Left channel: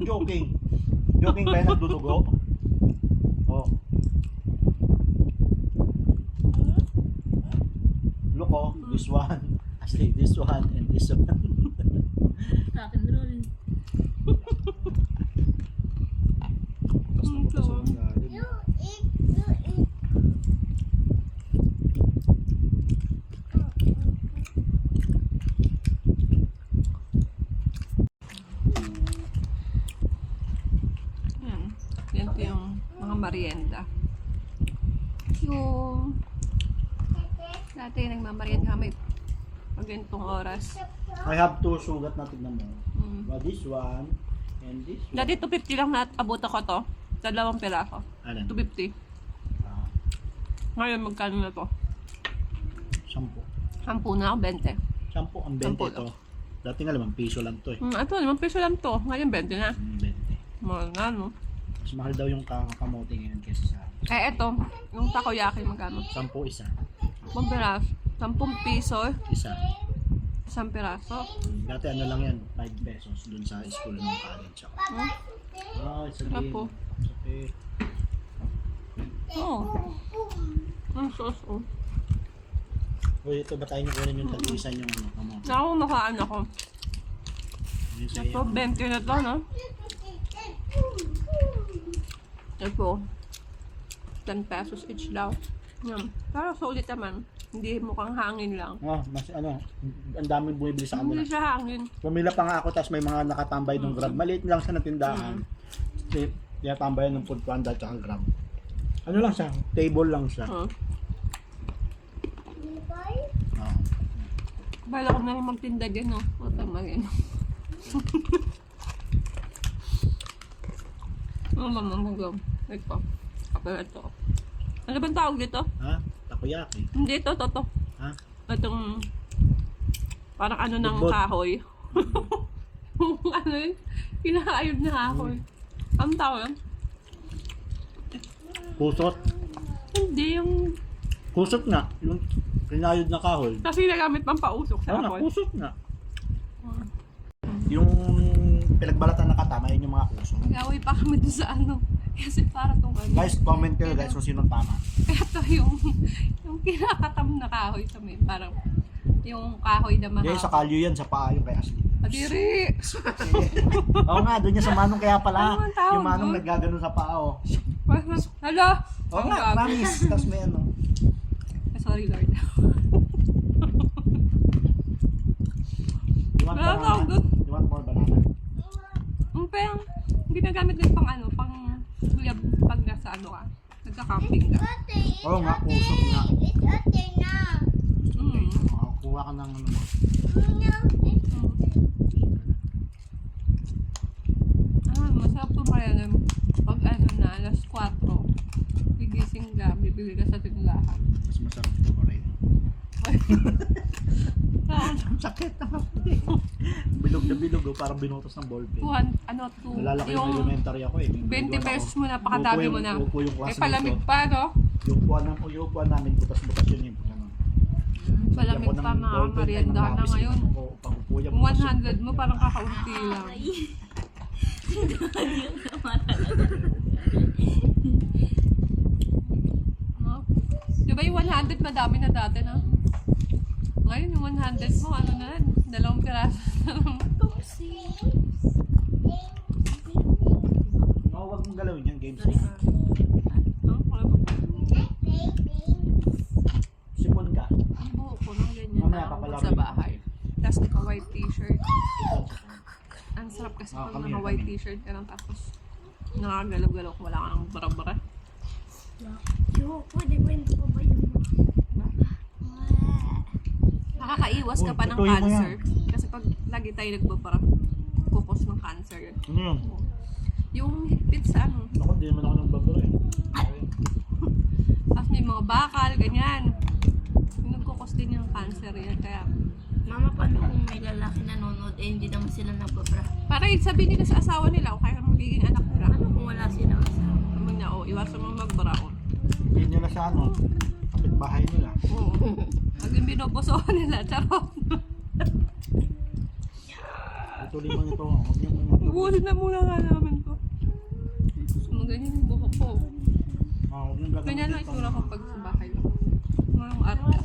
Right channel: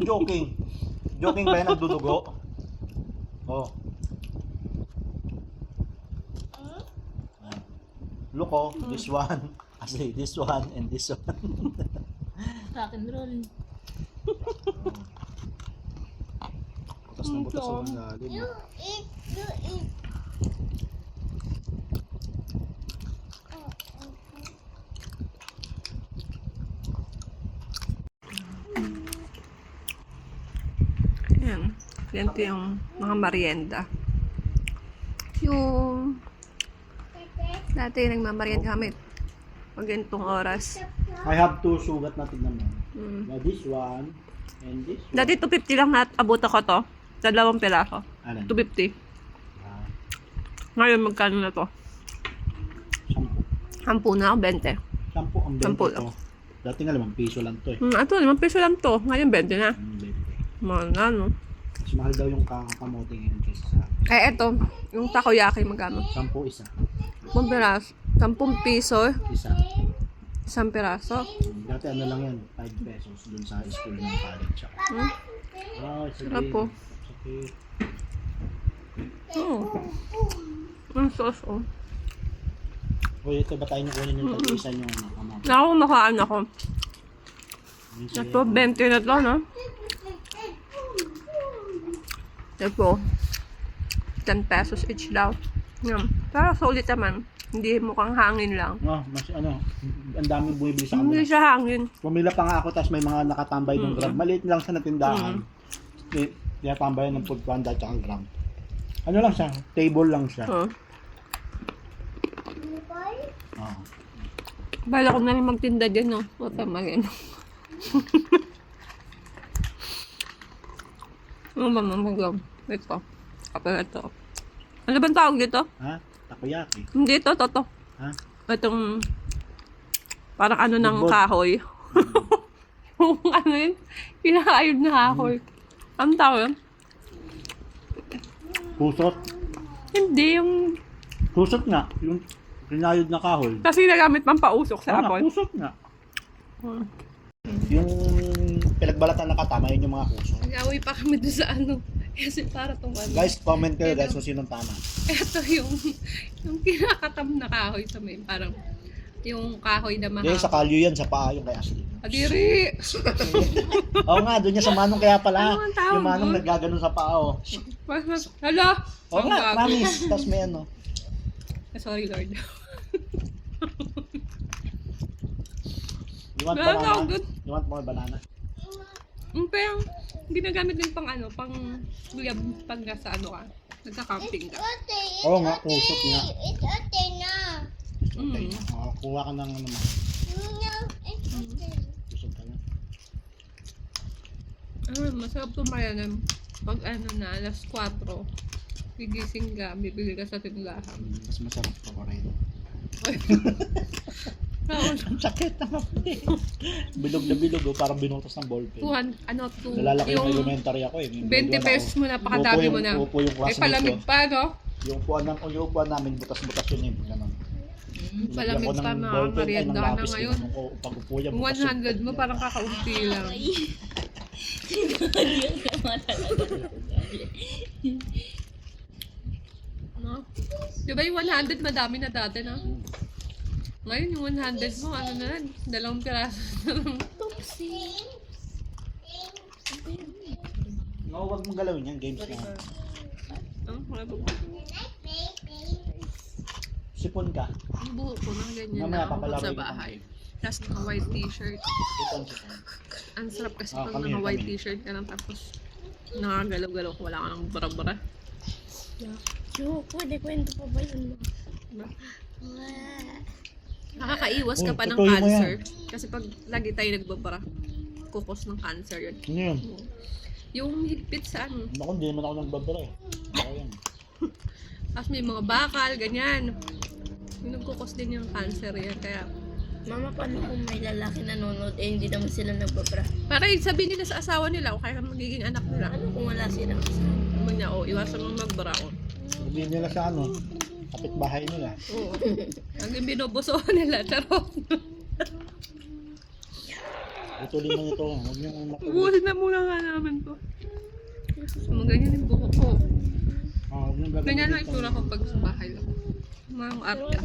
joking. Joking ba yan nagdudugo? Oh. Look oh, this one. Actually, this one and this one. Rock and roll. Butas na butas sa lalim. You eat. Ayan. Ganito yung mga merienda. Yung dati nagmamerienda kami pag ganitong oras. I have two sugat na tignan mo. Mm. Well, this one and this one. Dati 250 lang abot ako to. Dalawang piraso. Alin? 250. Ah, Ngayon magkano na to? 10. 10 na, 20. 10 ang 20 10 ito. Dati nga 5 piso lang to eh. Ito, 5 piso lang to. Ngayon 20 na. 20. Mahal na, no? Mas mahal daw yung kamote ngayon kesa sa Eh, eto. Yung takoyaki magkano? 10 isa. 10 piraso. 10 piso. Isa. Isang piraso. Dati ano lang yan, 5 pesos dun sa school ng college ako. Hmm? Ah, isa Sarap din. po. Sakit. Oo. Ang sauce, oh. Uy, ito ba tayo nyo kunin yung tag-isa nyo ano, kamote? Naku, makaan ako. Yun sa'yo. Ito, 20 na to, no? Ito, 10 pesos each daw. Yan. Pero sulit naman. Hindi mukhang hangin lang. Ah, mas ano, ang daming bumibili sa Hindi kanila. siya hangin. Pumila pa nga ako, tapos may mga nakatambay ng Grab. Maliit lang sa natindahan. Tinatambayan ng food panda at Grab. Ano lang siya, table lang siya. Oh. Oo. Bala ko na rin magtinda dyan, no? Matamagin. Ano ba mamagaw? Ito. Kapag ito. Ano ba tawag dito? Ha? Takoyaki. Hindi ito, toto. Ha? Itong parang ano ng Bugbog. kahoy. Ano yun? Pinakaayod na kahoy. Ang tawag yun? Kusot. Hindi, yung Kusot nga. Yung kinayod na kahoy. kasi nagamit pang pausok Oo sa nga, apon. kusot nga. Oh. Yung pinagbalatan na katama, yun yung mga kusot. Nag-away pa kami doon sa ano. Kasi para tong ano. Guys, comment kayo guys kung sinong tama. Ito yung kinakatam na kahoy sa may parang yung kahoy na Guys, sa mahaba. kalyo yan, sa paa yung kay Ashley. Adiri! Oo nga, doon niya sa manong kaya pala. Ano ang tawag Yung manong doon? naggaganon sa paa, oh. Hala! Oo Ang nga, gago. promise. Tapos may ano. Sorry Lord. You want Ano tawag banana? doon? You want more banana? Parang ginagamit din pang ano, pang pag nasa ano ka. Nagka-camping ka. Oo nga, kusot nga. It's okay now. Okay. Mm. Kuha ka ng ano mo. No, it's okay. Masarap tumayan pag ano na, alas 4. Gigising ka, bibili ka sa tindahan. Mas masarap ito ko rin. Ang sakit na bilog na bilog, oh, parang binutas ng ballpen. Nalalaki yung yung elementary ako eh. 20 pesos mo, napakadami mo na. Upo yung Eh, classmate palamig ko. pa, no? Yung upuan namin, butas-butas yun yung ganun. Palamig Lagyan ko pa, ng mga ballpen, ay, ng merienda na lapis, ngayon. ganun ko, pag upo yan, butas yun. 100 mo, parang kakaunti lang. No? Di ba yung 100 madami na dati, no? Ngayon yung 100 mo, ano na yan? 2 piraso na lang. No, wag mong galawin yan, games na yan. No? Wala ba? Sipon ka. Ang buhok ko na ganyan Mamaya, na ako papalaro sa yun. bahay. Tapos naka-white t-shirt. Sipon. Ang sarap kasi Ah, pag kami, naka-white kami. t-shirt ka lang tapos nakagalaw-galaw ko, wala ka nang bara-bara. Yo, pwede kwento pa ba yun? Nakakaiwas ka Uy, pa ng totoo yun cancer. Kasi pag lagi tayo nagbabara, kukos ng cancer yun. Ano yun? Yung higpit sa ano. Ako, hindi naman ako nagbabara eh. Ako yan. Tapos may mga bakal, ganyan. Yung nagkukos din yung cancer yan. Kaya, Mama, paano kung may lalaki nanonood eh hindi naman sila nagbabra? para sabihin nila sa asawa nila o kaya magiging anak nila. Ano kung wala silang asawa? Naman niya, iwasan mo magbara. Hindi nila sa ano, kapitbahay nila. Oo. Hanggang binobosohan nila, charot. Patuloy mo nito. Huwag yung Ubusin na muna nga namin to. Ganyan yung buhok ko. huwag yung Ganyan lang itsura ko pag sa bahay lang. Mga arte.